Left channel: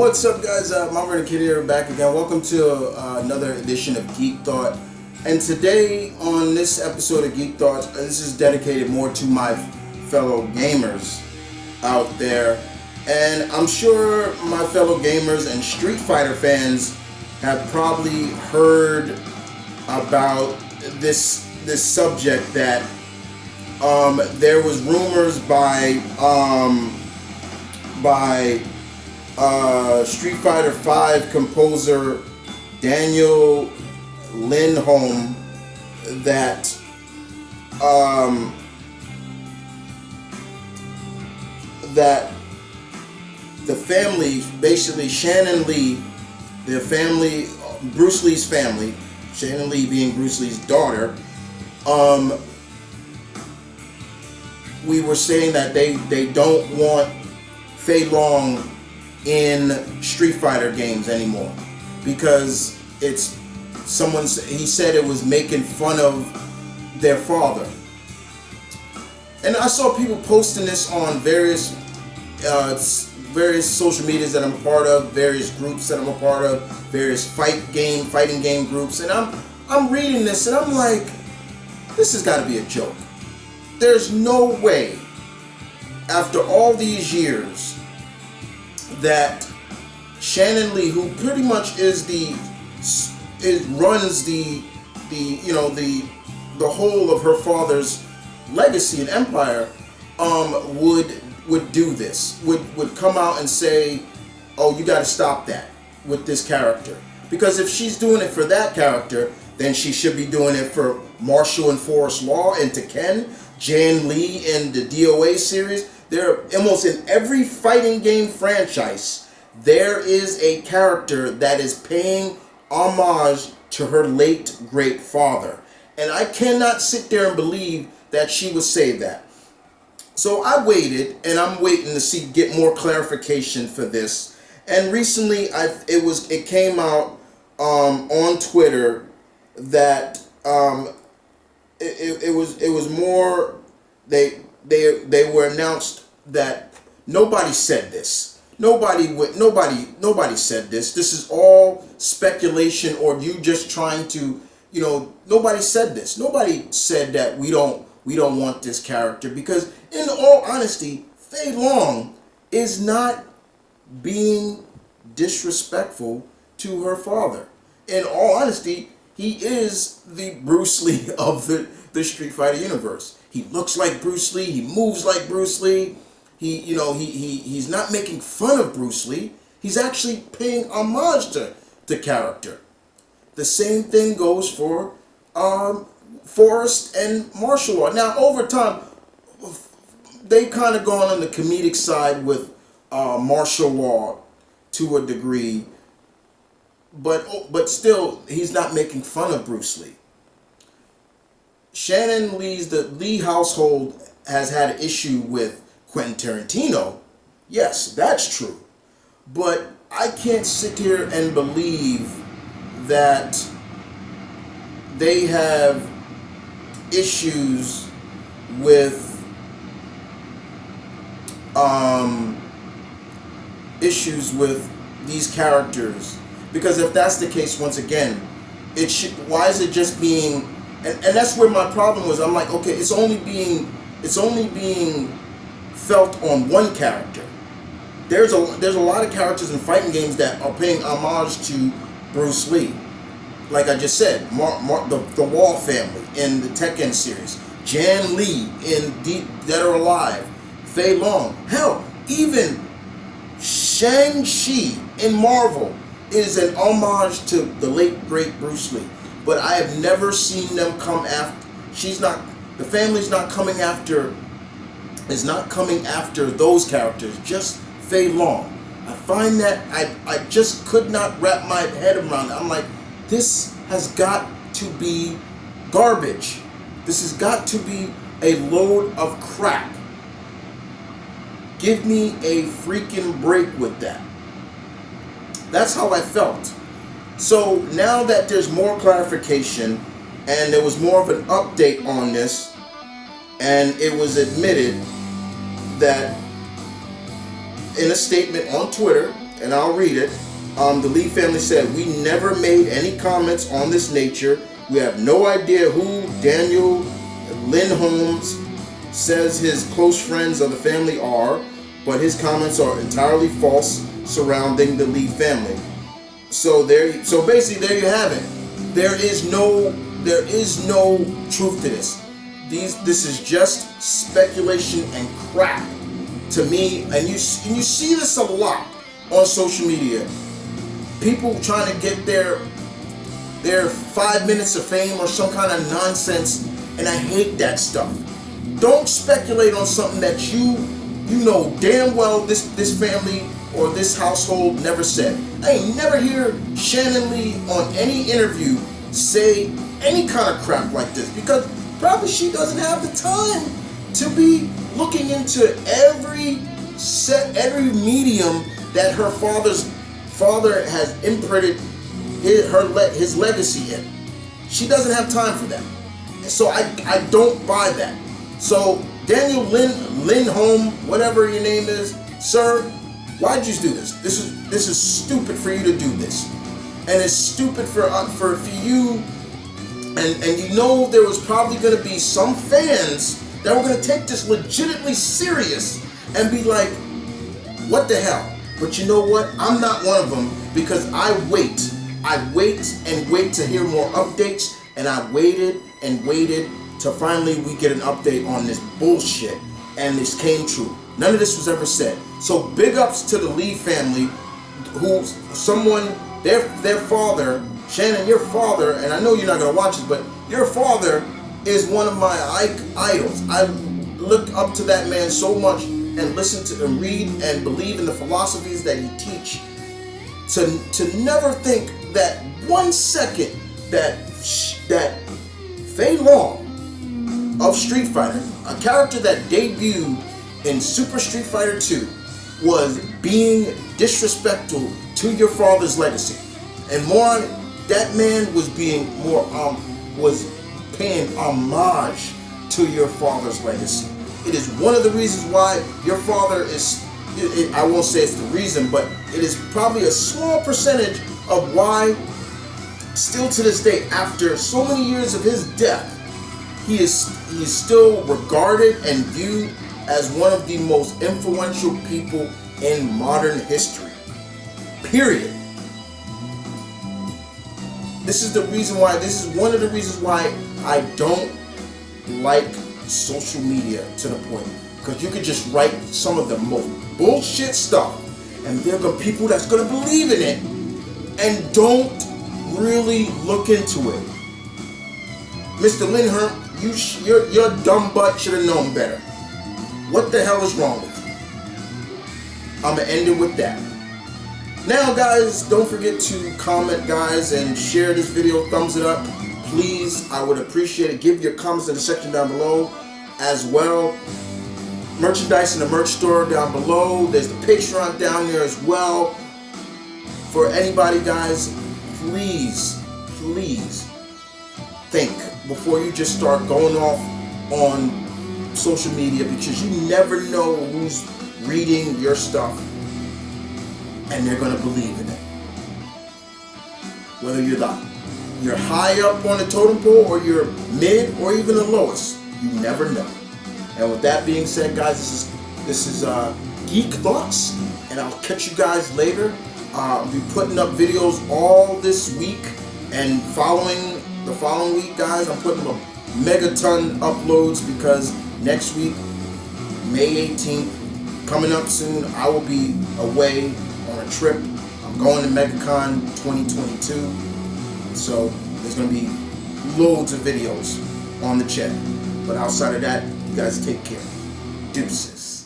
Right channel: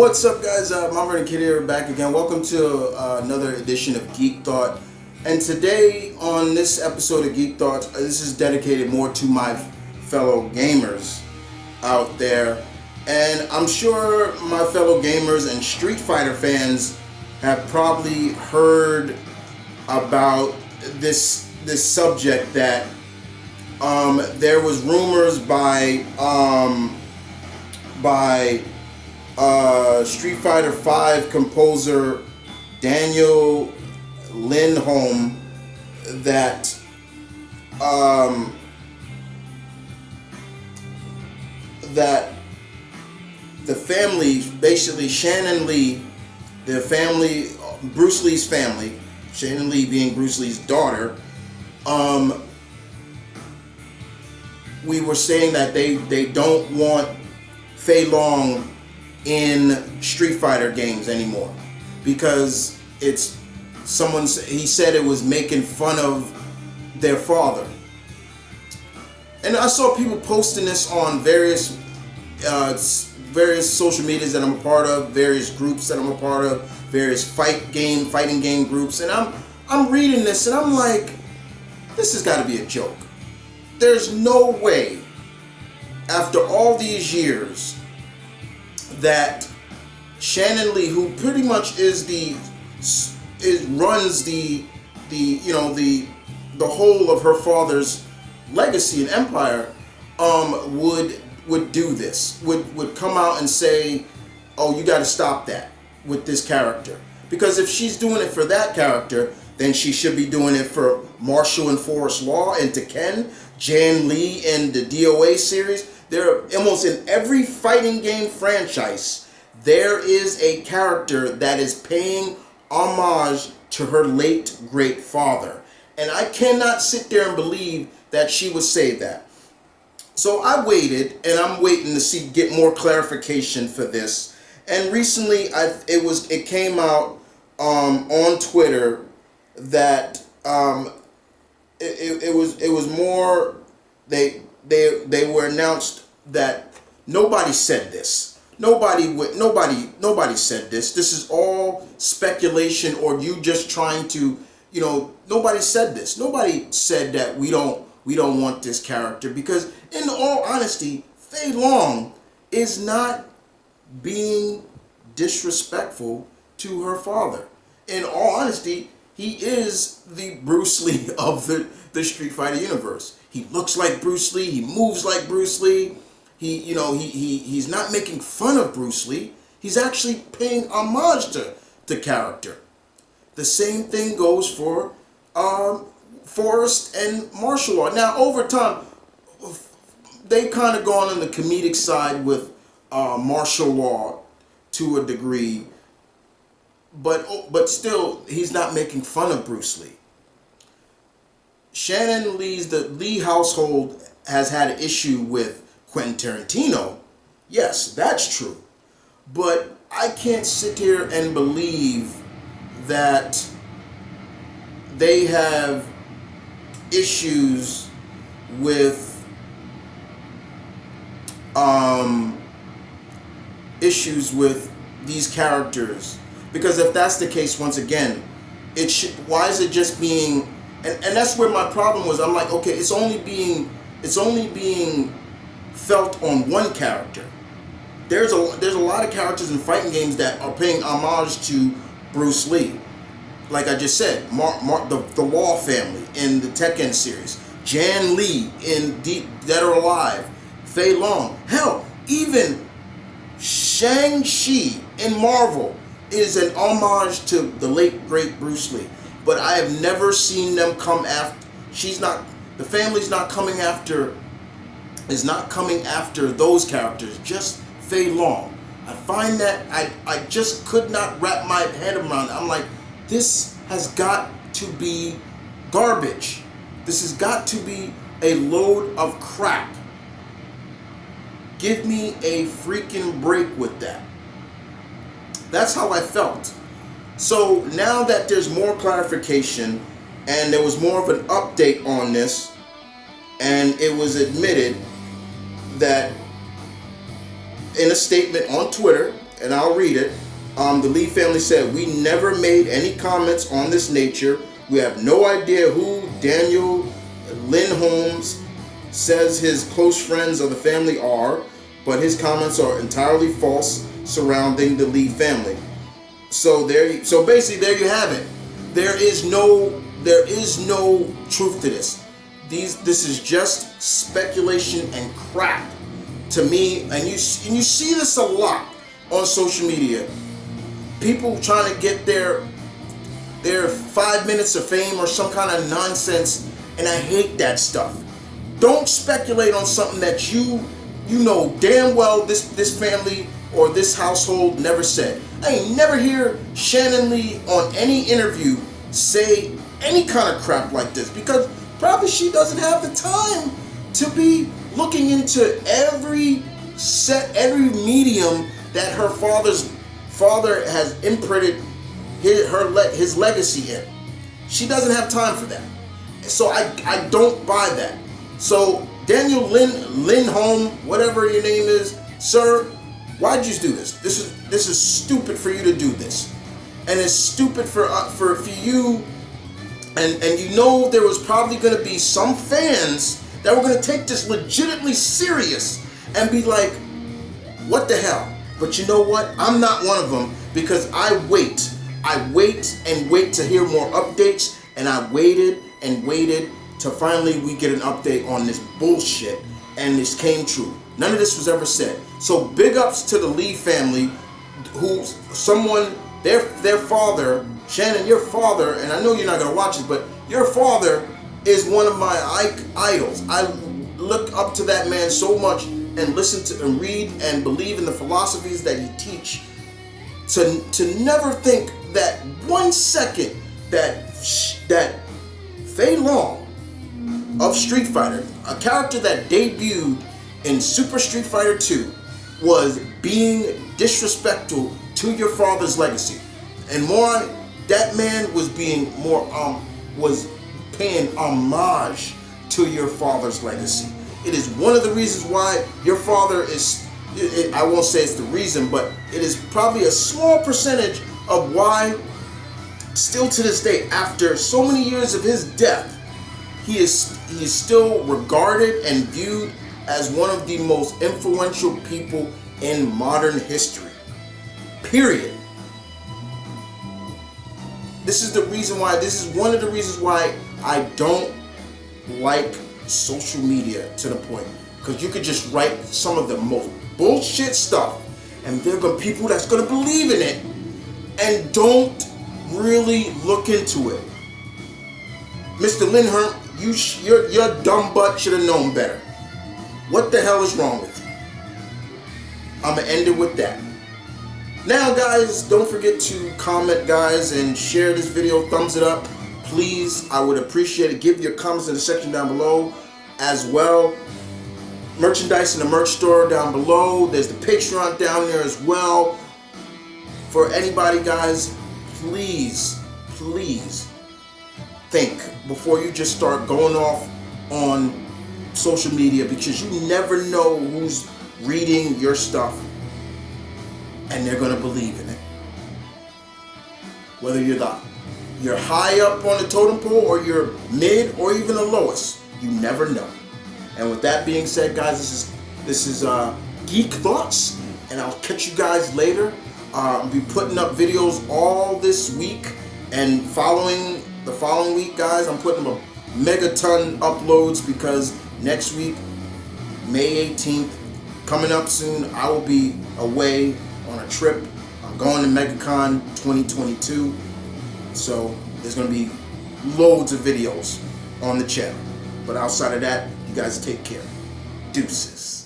What's up, guys? M.V.K here, back again. Welcome to another edition of Geek Thought. And today, on this episode of Geek Thoughts, this is dedicated more to my fellow gamers out there. And I'm sure my fellow gamers and Street Fighter fans have probably heard about this subject that there was rumors by Street Fighter V composer Daniel Lindholm that the family, basically Shannon Lee, the family, Bruce Lee's family, Shannon Lee being Bruce Lee's daughter, we were saying that they don't want Fei Long in Street Fighter games anymore because he said it was making fun of their father. And I saw people posting this on various social medias that I'm a part of, various groups that I'm a part of, various fighting game groups, and I'm reading this and I'm like, this has got to be a joke. There's no way, after all these years, that Shannon Lee, who pretty much runs the whole of her father's legacy and empire, would do this, would come out and say, oh, you got to stop that with this character, because if she's doing it for that character, then she should be doing it for Marshall and Forrest Law and Tekken, Jan Lee in the DOA series. There, almost in every fighting game franchise, there is a character that is paying homage to her late great father. And I cannot sit there and believe that she would say that. So I waited, and I'm waiting to get more clarification for this. And recently, it came out on Twitter that it was more, they were announced that nobody said this. Nobody said this. This is all speculation, or you just trying to, nobody said this. Nobody said that we don't want this character, because in all honesty, Fei Long is not being disrespectful to her father. In all honesty, he is the Bruce Lee of the Street Fighter universe. He looks like Bruce Lee. He moves like Bruce Lee. He's not making fun of Bruce Lee. He's actually paying homage to the character. The same thing goes for Forrest and Marshall Law. Now, over time, they've kind of gone on the comedic side with Marshall Law to a degree, but still, he's not making fun of Bruce Lee. Shannon Lee's, the Lee household has had an issue with Quentin Tarantino. Yes, that's true. But I can't sit here and believe that they have issues with these characters, because if that's the case, once again, why is it just being, and that's where my problem was. I'm like, okay, it's only being felt on one character. There's a lot of characters in fighting games that are paying homage to Bruce Lee. Like I just said, the Law family in the Tekken series, Jan Lee in Dead or Alive, Fei Long. Hell, even Shang-Chi in Marvel is an homage to the late great Bruce Lee. But I have never seen them come after. The family's not coming after. Is not coming after those characters. Just Fei Long. I find that I just could not wrap my head around it. I'm like, this has got to be garbage. This has got to be a load of crap. Give me a freaking break with that. That's how I felt. So now that there's more clarification and there was more of an update on this, and it was admitted that in a statement on Twitter, and I'll read it. The Lee family said, "We never made any comments on this nature. We have no idea who Daniel Lindholm says his close friends of the family are, but his comments are entirely false surrounding the Lee family." So basically there you have it. There is no truth to this. This is just speculation and crap to me, and you see this a lot on social media. People trying to get their 5 minutes of fame or some kind of nonsense, and I hate that stuff. Don't speculate on something that you know damn well this family or this household never said. I ain't never hear Shannon Lee on any interview say any kind of crap like this, because probably she doesn't have the time to be looking into every medium that her father has imprinted his legacy in. She doesn't have time for that. So I don't buy that. So Daniel Lindholm, whatever your name is, sir, why'd you do this? This is stupid for you to do this, and it's stupid for you. And you know there was probably going to be some fans that were going to take this legitimately serious and be like, "What the hell?" But you know what? I'm not one of them, because I wait and wait to hear more updates, and I waited and waited till finally we get an update on this bullshit, and this came true. None of this was ever said. So big ups to the Lee family, their father, Shannon, your father, and I know you're not gonna watch this, but your father is one of my idols. I look up to that man so much, and listen to and read and believe in the philosophies that he teach. To never think that 1 second that Fei Long of Street Fighter, a character that debuted in Super Street Fighter 2, was being disrespectful to your father's legacy, and more, that man was paying homage to your father's legacy. It is one of the reasons why your father is, I won't say it's the reason, but it is probably a small percentage of why, still to this day, after so many years of his death, he is still regarded and viewed as one of the most influential people in modern history. Period. This is one of the reasons why I don't like social media, to the point, because you could just write some of the most bullshit stuff, and there are gonna be people that's gonna believe in it and don't really look into it. Mr. Lindholm, your dumb butt should have known better. What the hell is wrong with you? I'm gonna end it with that. Now, guys, don't forget to comment, guys, and share this video. Thumbs it up, please. I would appreciate it. Give your comments in the section down below as well. Merchandise in the merch store down below. There's the Patreon down there as well. For anybody, guys, please think before you just start going off on social media, because you never know who's reading your stuff and they're going to believe in it. Whether you're high up on the totem pole, or you're mid, or even the lowest, you never know. And with that being said, guys, this is Geek Thoughts, and I'll catch you guys later. I'll be putting up videos all this week, and the following week, guys, I'm putting up a megaton uploads, because next week, May 18th, coming up soon, I will be away on a trip. I'm going to MegaCon 2022, so there's going to be loads of videos on the channel. But outside of that, you guys take care. Deuces.